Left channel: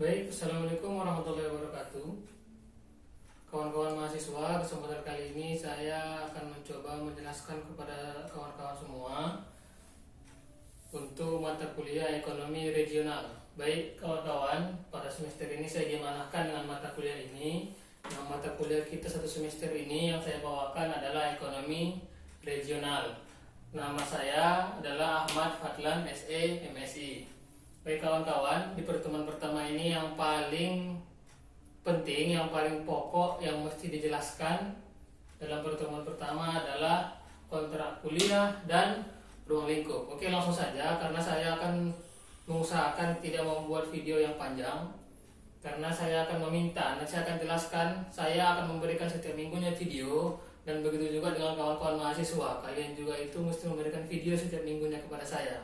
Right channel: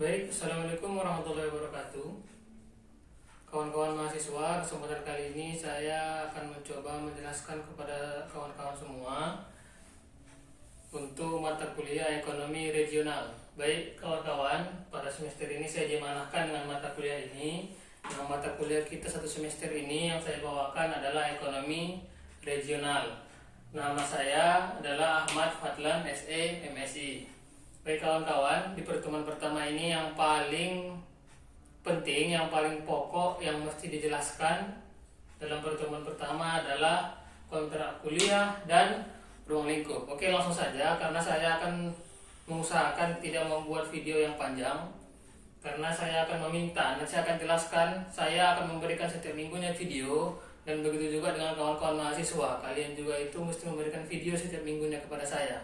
Baik, Assalamualaikum warahmatullahi wabarakatuh. Kawan-kawan mahasiswa, kesempatan kali ini saya akan mencoba menjelaskan kepada kawan-kawan semua untuk mata kuliah ekonomi regional. Baik kawan-kawan, pada semester ini saya diamanahkan dengan mata kuliah ini. Nah, mata kuliah kita satu semester ini yang saya bawakan adalah ekonomi regional. Nama saya adalah Ahmad Fadlan SE MSI. Baik kawan-kawan, di pertemuan pertama ini yang paling penting, yang paling pokok yang mesti dijelaskan dalam pertemuan pertama adalah kontrak kuliah dan ruang lingkup. Oke, langsung saja karena saya akan mengusahakan tidak membuat video yang panjang, karena saya akan meminta, nanti saya akan jelaskan, saya akan memberikan setiap minggunya video, dan begitu juga dengan kawan-kawan mahasiswa, kalian juga itu mesti memberikan video setiap minggunya kepada saya.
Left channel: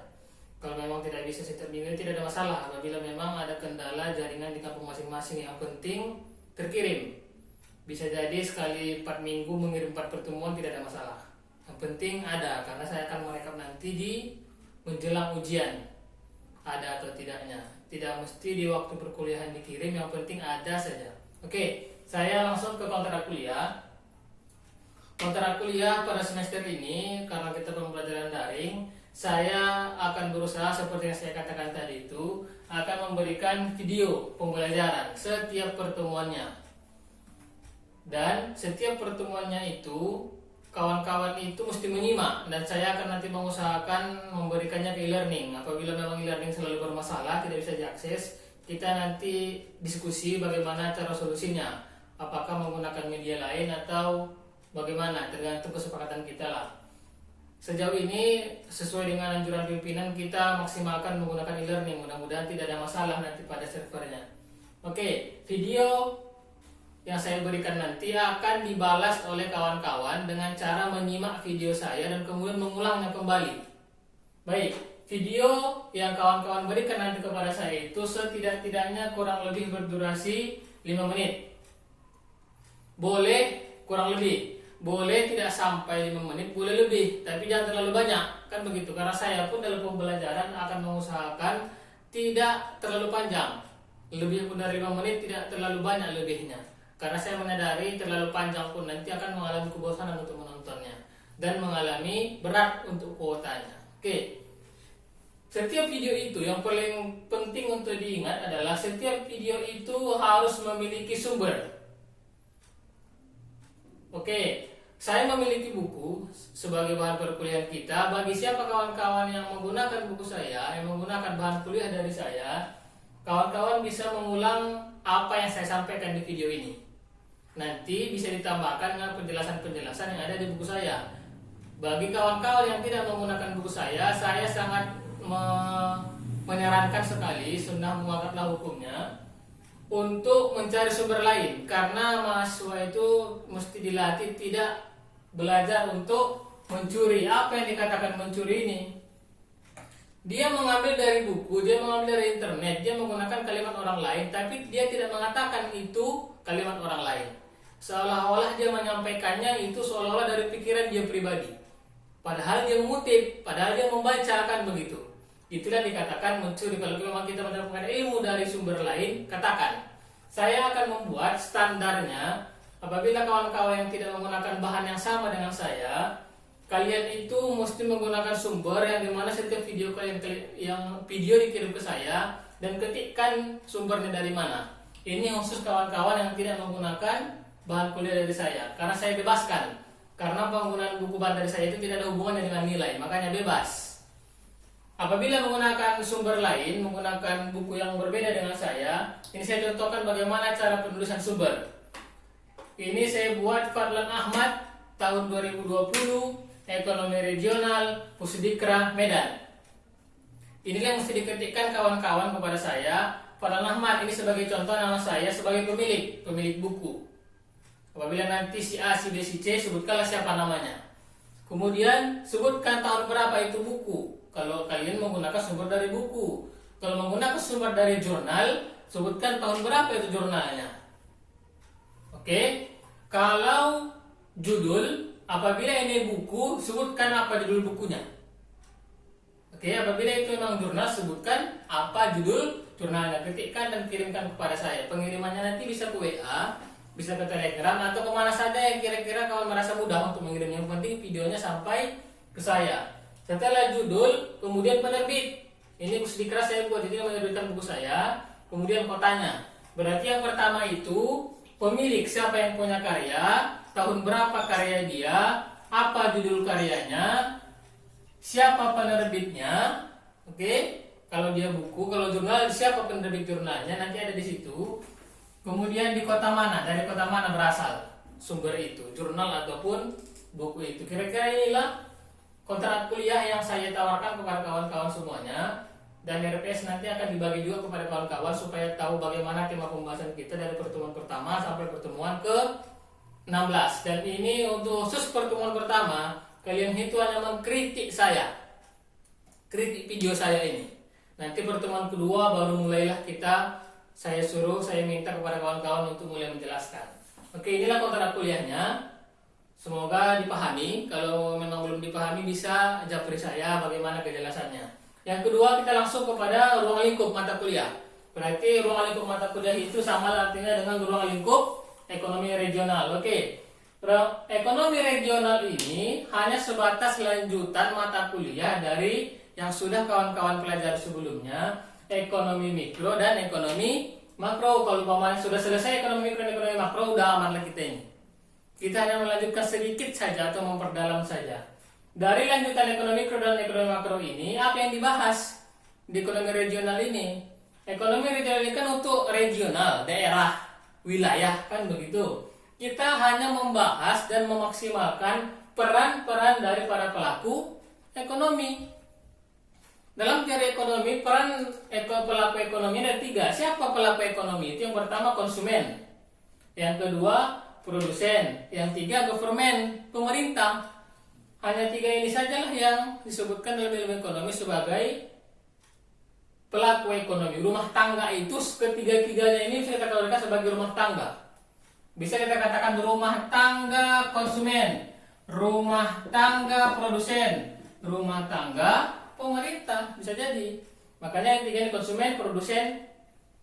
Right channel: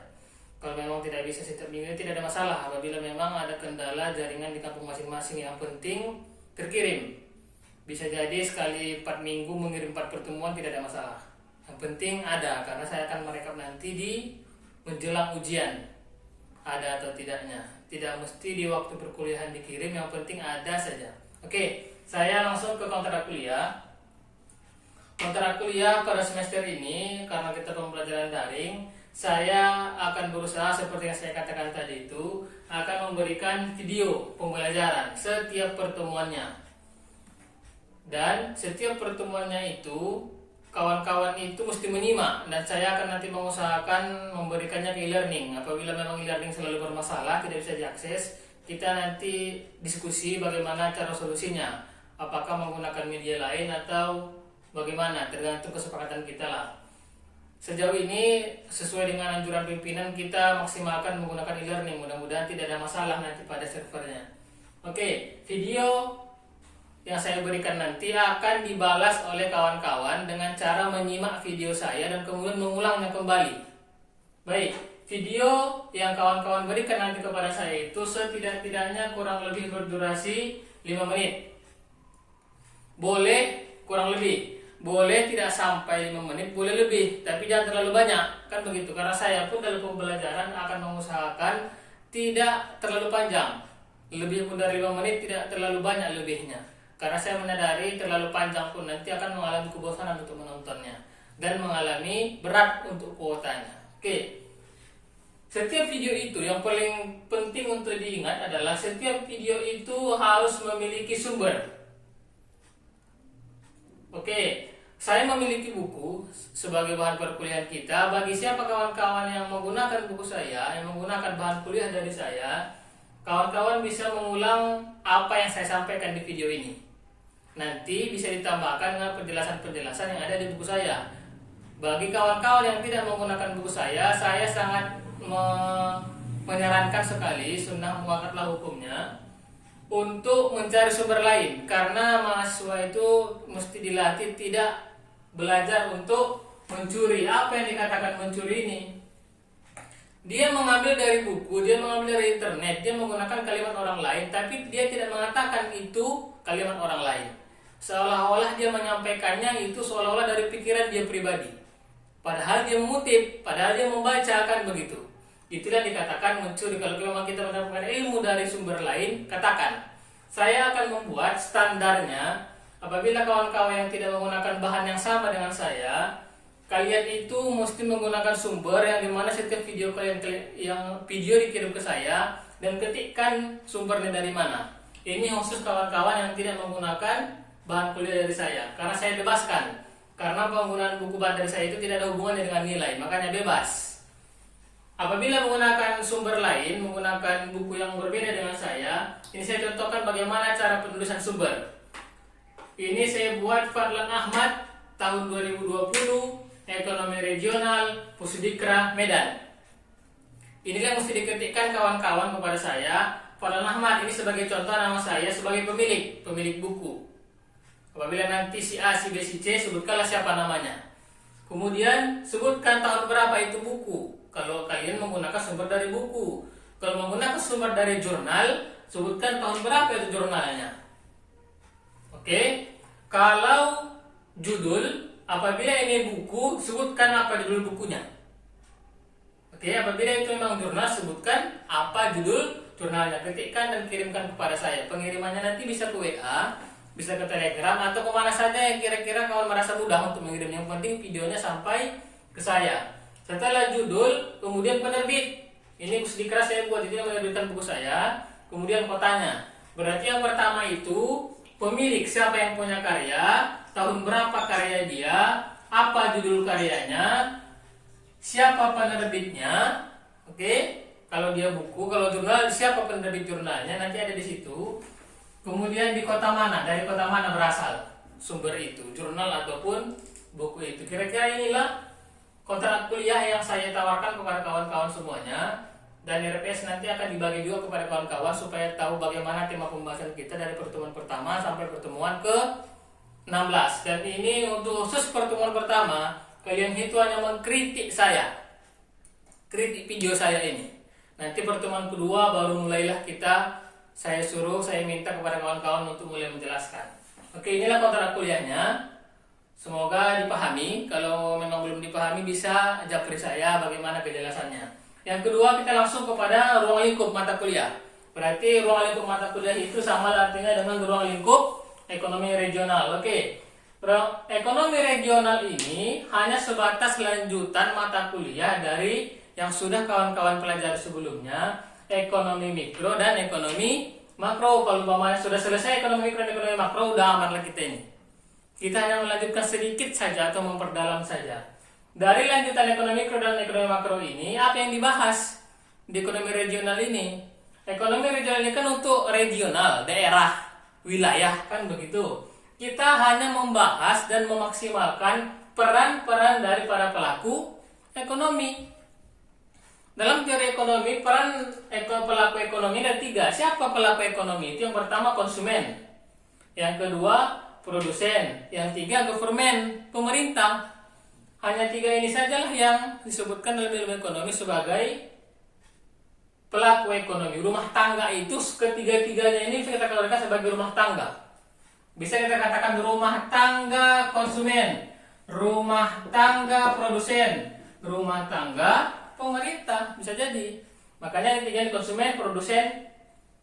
Kalau memang tidak bisa setiap minggu tidak ada masalah. Apabila memang ada kendala jaringan di kampung masing-masing, yang penting terkirim. Bisa jadi sekali 4 minggu mengirim 4 pertemuan tidak ada masalah. Yang penting ada, karena saya akan merekap nanti di menjelang ujian. Ada atau tidaknya. Tidak mesti di waktu perkuliahan dikirim, yang penting ada saja. Oke, saya langsung ke kontrak kuliah. Kontrak kuliah pada semester ini, karena kita pembelajaran daring, saya akan berusaha seperti yang saya katakan tadi itu, akan memberikan video pembelajaran setiap pertemuannya. Dan setiap pertemuannya itu kawan-kawan itu mesti menyimak, dan saya akan nanti mengusahakan memberikannya ke e-learning. Apabila memang e-learning selalu bermasalah, tidak bisa diakses, kita nanti diskusi bagaimana cara solusinya. Apakah menggunakan media lain atau bagaimana, tergantung kesepakatan kita lah. Sejauh ini sesuai dengan anjuran pimpinan kita maksimalkan menggunakan e-learning. Mudah-mudahan tidak ada masalah nanti pada servernya. Oke, video yang saya berikan nanti akan dibalas oleh kawan-kawan dengan cara menyimak video saya dan kemudian mengulangnya kembali. Baik, video yang kawan-kawan berikan nanti kepada saya itu setidak-tidaknya kurang lebih berdurasi 5 menit. Boleh kurang lebih, boleh tidak sampai 5 menit, boleh lebih, tapi jangan terlalu banyak, kan begitu. Karena saya pun dalam pembelajaran akan mengusahakan tidak terlalu panjang, lebih pun dari 5 menit, tidak terlalu banyak lebihnya. Karena saya menyadari terlalu panjang pun nanti akan mengalami kebosanan untuk menontonnya dan mengalami berat untuk kuotanya. Oke, setiap video itu yang paling penting untuk diingat adalah setiap video itu harus memiliki sumber. Oke, saya memiliki buku sebagai bahan perkuliahan kita. Bagi siapa kawan-kawan yang menggunakan buku saya, yang menggunakan bahan kuliah dari saya, kawan-kawan bisa mengulang apa yang saya sampaikan di video ini. Nanti bisa ditambahkan dengan penjelasan-penjelasan yang ada di buku saya. Bagi kawan-kawan yang tidak menggunakan buku saya sangat menyarankan sekali, sunnah muakkatlah hukumnya, untuk mencari sumber lain, karena mahasiswa itu mesti dilatih tidak belajar untuk mencuri. Apa yang dikatakan mencuri ini? Dia mengambil dari buku, dia mengambil dari internet, dia menggunakan kalimat orang lain, tapi dia tidak mengatakan itu kalimat orang lain. Seolah-olah dia menyampaikannya itu seolah-olah dari pikiran dia pribadi. Padahal dia mengutip, padahal dia membaca, kan begitu. Itulah dikatakan mencuri. Kalau memang kita mendapatkan ilmu dari sumber lain, katakan. Saya akan membuat standarnya. Apabila kawan-kawan yang tidak menggunakan bahan yang sama dengan saya, kalian itu mesti menggunakan sumber yang dimana setiap video yang video dikirim ke saya, dan ketikkan sumbernya dari mana. Ini khusus kawan-kawan yang tidak menggunakan bahan kuliah dari saya, karena saya bebaskan. Karena penggunaan buku bahan dari saya itu tidak ada hubungannya dengan nilai, makanya bebas. Apabila menggunakan sumber lain, menggunakan buku yang berbeda dengan saya, ini saya contohkan bagaimana cara penulisan sumber. Ini saya buat Fadlan Ahmad tahun 2020, ekonomi regional, Pusdikra Medan. Ini kan mesti diketikkan kawan-kawan kepada saya, Fadlan Ahmad, ini sebagai contoh nama saya sebagai pemilik buku. Apabila nanti si A, si B, si C, sebutkanlah siapa namanya. Kemudian sebutkan tahun berapa itu buku. Kalau kalian menggunakan sumber dari buku. Kalau menggunakan sumber dari jurnal, sebutkan tahun berapa itu jurnalnya. Oke. Kalau judul, apabila ini buku, sebutkan apa judul bukunya. Oke, apabila itu memang jurnal, sebutkan apa judul jurnalnya, ketikkan dan kirimkan kepada saya. Pengirimannya nanti bisa ke WA, bisa ke Telegram, atau kemana saja yang kira-kira kawan merasa mudah untuk mengirimnya. Yang penting videonya sampai ke saya. Setelah judul, kemudian penerbit. Ini Pusdikras saya buat, itu yang menerbitkan buku saya. Kemudian kotanya. Berarti yang pertama itu pemilik, siapa yang punya karya, tahun berapa karya dia, apa judul karyanya, siapa penerbitnya. Oke, kalau dia buku, kalau jurnal, siapa penerbit jurnalnya, nanti ada di situ. Kemudian di kota mana, dari kota mana berasal sumber itu, jurnal ataupun buku itu. Kira-kira inilah kontrak kuliah yang saya tawarkan kepada kawan-kawan semuanya. Dan RPS nanti akan dibagi juga kepada kawan-kawan supaya tahu bagaimana tema pembahasan kita dari pertemuan pertama sampai pertemuan ke-16. Dan ini untuk khusus pertemuan pertama, kalian itu hanya mengkritik saya, kritik video saya ini. Nanti pertemuan kedua baru mulailah saya minta kepada kawan-kawan untuk mulai menjelaskan. Oke, inilah kontrak kuliahnya. Semoga dipahami. Kalau memang belum dipahami bisa japri saya bagaimana kejelasannya. Yang kedua, kita langsung kepada ruang lingkup mata kuliah. Berarti ruang lingkup mata kuliah itu sama artinya dengan ruang lingkup ekonomi regional. Oke. Ekonomi regional ini hanya sebatas lanjutan mata kuliah dari yang sudah kawan-kawan pelajari sebelumnya, ekonomi mikro dan ekonomi makro. Kalau umpamanya sudah selesai ekonomi mikro dan ekonomi makro, udah aman lah kita ini. Kita hanya melanjutkan sedikit saja atau memperdalam saja. Dari lanjutan ekonomi mikro dan ekonomi makro ini, apa yang dibahas di ekonomi regional ini? Ekonomi regional ini kan untuk regional, daerah, wilayah, kan begitu. Kita hanya membahas dan memaksimalkan peran-peran dari para pelaku ekonomi. Dalam teori ekonomi, peran pelaku ekonomi ada 3. Siapa pelaku ekonomi? Itu yang pertama konsumen, yang kedua produsen, yang 3 government, pemerintah. Hanya 3 ini sajalah yang disebutkan dalam ilmu ekonomi sebagai pelaku ekonomi. Rumah tangga itu ketiga-tiganya ini bisa kita kategorikan sebagai rumah tangga. Bisa kita katakan rumah tangga konsumen, rumah tangga produsen, rumah tangga pemerintah, bisa jadi. Makanya yang 3 ini konsumen, produsen,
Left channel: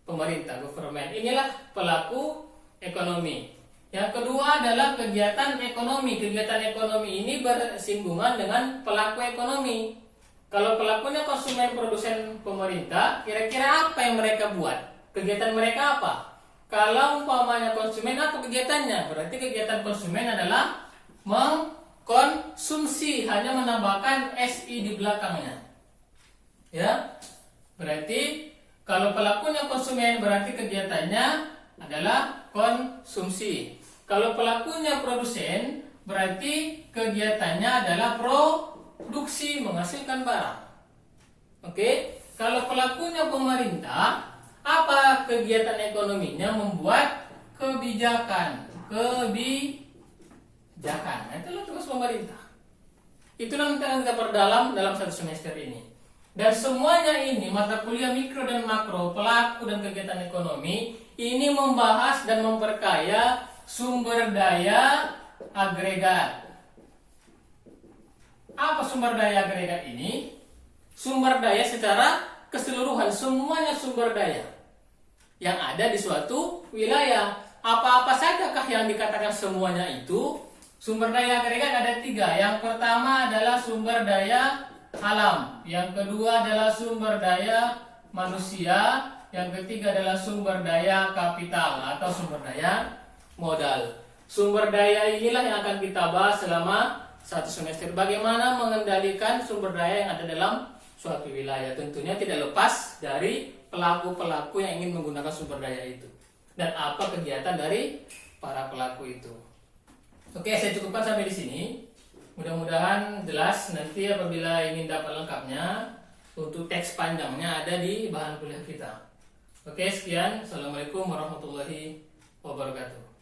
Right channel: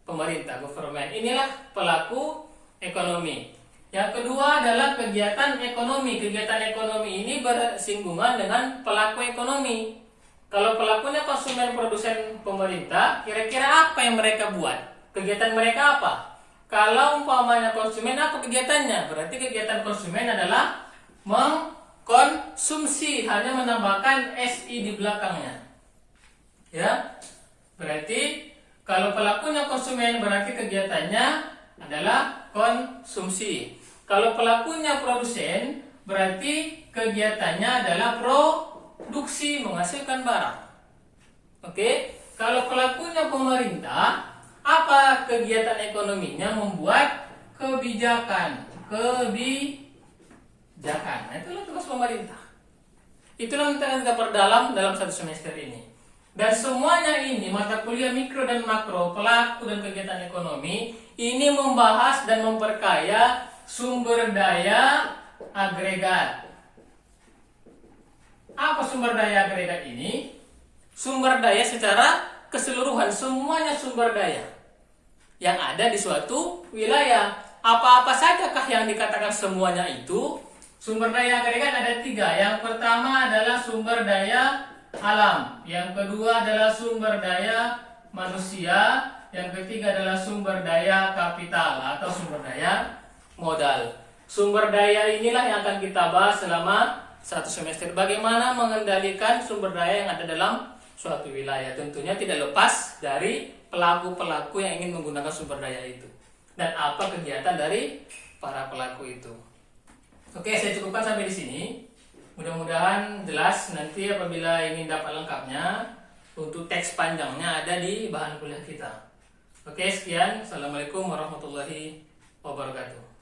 pemerintah, government. Inilah pelaku ekonomi. Yang kedua adalah kegiatan ekonomi. Kegiatan ekonomi ini bersinggungan dengan pelaku ekonomi. Kalau pelakunya konsumen, produsen, pemerintah, kira-kira apa yang mereka buat? Kegiatan mereka apa? Kalau umpamanya konsumen, apa kegiatannya? Berarti kegiatan konsumen adalah mengkonsumsi, hanya menambahkan SI di belakangnya. Ya, berarti kalau pelakunya konsumen, berarti kegiatannya adalah konsumsi. Kalau pelakunya produsen, berarti kegiatannya adalah produksi, menghasilkan barang. Oke, kalau pelakunya pemerintah, apa kegiatan ekonominya? Membuat kebijakan. Nah, itulah tugas pemerintah. Itulah yang kita perdalam dalam 1 semester ini. Dan semuanya ini, mata kuliah mikro dan makro, pelaku dan kegiatan ekonomi, ini membahas dan memperkaya sumber daya agregat. Apa sumber daya agregat ini? Sumber daya secara keseluruhan, semuanya sumber daya yang ada di suatu wilayah. Apa-apa sajakah yang dikatakan semuanya itu? Sumber daya agregat ada 3. Yang pertama adalah sumber daya alam, yang kedua adalah sumber daya manusia, yang ketiga adalah sumber daya kapital atau sumber daya modal. Sumber daya inilah yang akan kita bahas selama 1 semester. Bagaimana mengendalikan sumber daya yang ada dalam suatu wilayah. Tentunya tidak lepas dari pelaku-pelaku yang ingin menggunakan sumber daya itu. Dan apa kegiatan dari para pelaku itu. Oke, saya cukupkan sampai di sini. Mudah-mudahan jelas. Nanti apabila ingin dapat lengkapnya, untuk teks panjangnya ada di bahan kuliah kita. Oke, sekian. Assalamualaikum warahmatullahi wabarakatuh.